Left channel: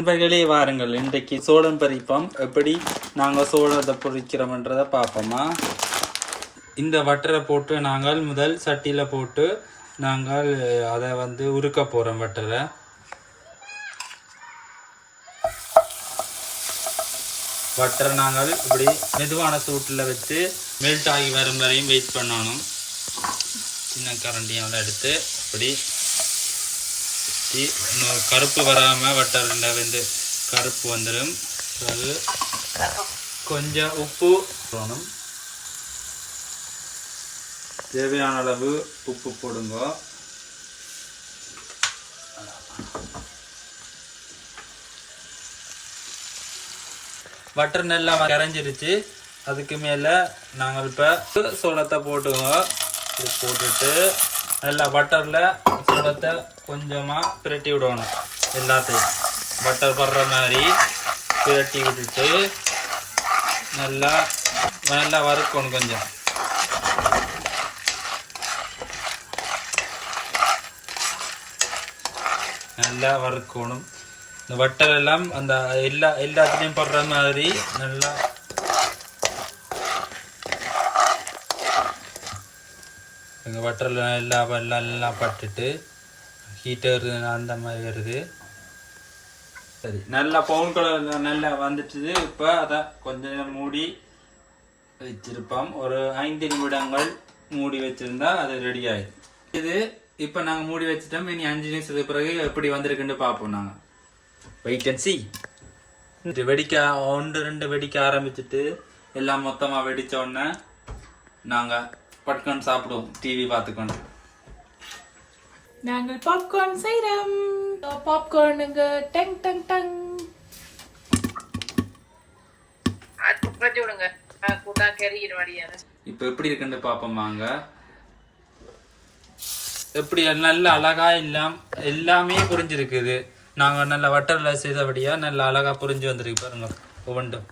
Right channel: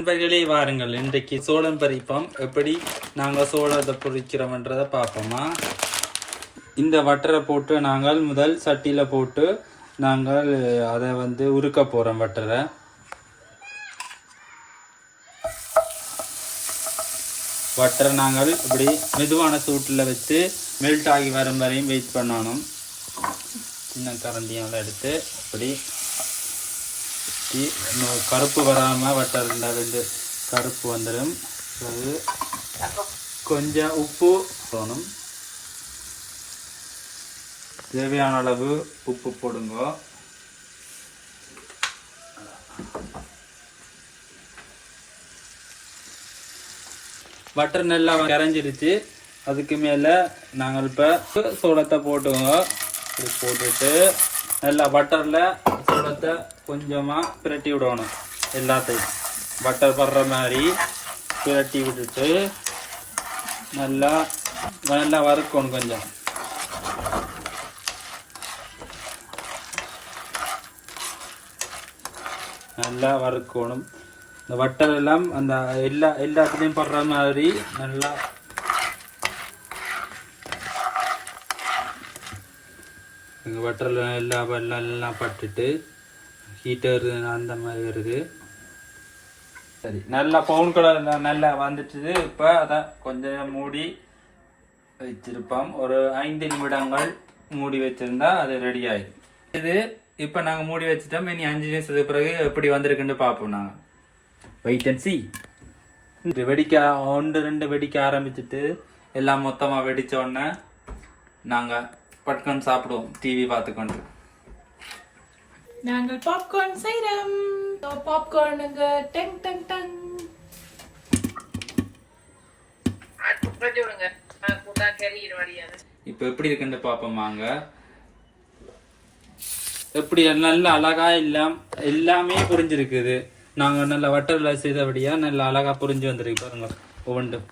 நண்பர்களே வாருங்கள், இன்றைக்கு சோளம் பறிப்போம். எப்படி நாங்கள் சோளத்தை பொறிக்கிறோம்ன்றதை பார்ப்போமா. இந்த வட்டரை போட்டு நாங்கள் முதல் சட்டியில் போட்டு நாங்கள் அதை உருக்க போகிறோம். வட்டரை நாங்கள் இப்படி மெதுவான சூட்டில் வச்சு மெல்ட் ஆகி வரும் வரையும் வெயிட் பண்ணணும். சின்ன கரண்டியோட எடுத்து இப்படி கருப்பு வராமல் வட்டரில் கருப்பு வந்துடும். பிறகு கொஞ்சம் உப்பு போடணும். தேவையான அளவு உப்பு போடுங்க. வட்டர் நல்லா கரைஞ்சிருச்சு. அதுக்கு மேலே நாங்கள் இப்போ சோளத்தை போட்டுங்க. இது போட்டுட்டு நல்லா பட்டரில் சோளத்தை கொஞ்சமாக பிரட்டி விடணும். எல்லாத்தையும் பட்டர் படுற மாதிரி பிரட்டி விட்டுட்டு நல்லா நல்லா வறுக்கணும். கொஞ்சம் நல்லா வறுக்கணும். இந்த வட்டல் எல்லாம் அந்த எல்லாத்துலேயும் படுற மாதிரி நல்லா எங்கள் வட்டரில் எல்லாம் பட்டுட்டு ஹீட்டர் அந்த மாதிரி வருது. சரி, நல்லா பவுன் கலர் நல்லா வந்துட்டுது. இப்போ அதை கொஞ்சம் மூடி வச்சிருப்போம். ஒரு 5 நிமிடங்கள் மூடி வச்சிருந்தா அது ரெடி ஆயிடும். இது இப்போ நாங்கள் மூடி வச்சுட்டோம். இனி 5 நிமிஷத்துக்கு பிறகு எப்படி வந்திருக்குன்னு பார்ப்போம். நாங்கள் வெயிட் அண்ட் சி. வெடிக்க 1-2 வெடிக்க ஆரம்பிச்சுட்டு எல்லாம் மொத்தமாக வெடித்த உடனே நாங்கள் பட்கார்ன் சாப்பிடுவோம் டிவி பார்த்துக்கொண்டு. நாங்கள் பாப்கார்ன் செய்றோம். பாப்கார்னுங்க டங் டங் டங். இப்போ எப்படி இருக்குன்னு பார்ப்போமாங்க. எப்படி நல்லா அழகா எல்லாமே புரிஞ்சிருக்குது. நாங்கள் நல்ல வட்டரில் செய்தபடியா நல்லா அழகா புரிஞ்சு வந்திருக்கு. பாருங்க, ஒவ்வொன்றும்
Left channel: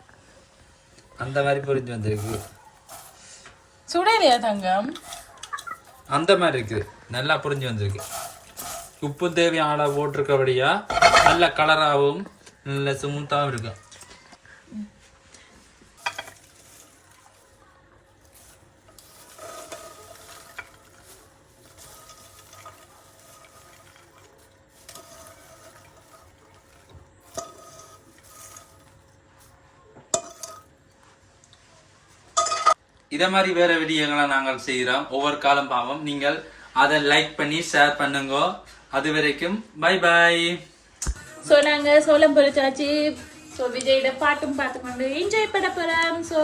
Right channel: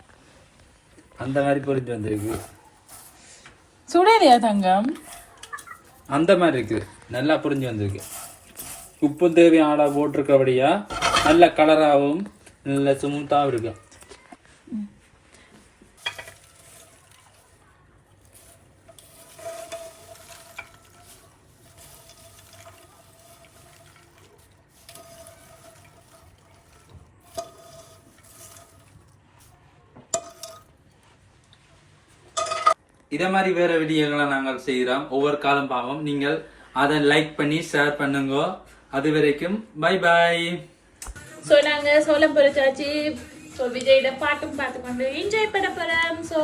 அந்த மாதிரி புரிஞ்சு வந்திருக்கு. சுடலையா தங்கம்? அந்த மாதிரி இருக்கு, நல்லா புரிஞ்சு வந்திருக்கு. உப்பு தேவையான அளவு போட்டிருக்கபடியா நல்ல கலராகவும் நல்ல ஸ்மூத்தாகவும் இருக்கு. இதே மாதிரி வேற வீடியோகளை நாங்கள் செய்கிறோம். ஒவ்வொரு காலம் பாவம் நீங்கள் அதை லைக் பண்ணி ஷேர் பண்ணுங்க. அது வரைக்கும் பை பாய். ஸோ நாங்கள் சோளம் பொரிச்சாச்சு. ஸோ விஜயோட பாட்டும் பார்த்துக்கொண்டு என்ஜாய் பண்ண போகிறோம். ஸோ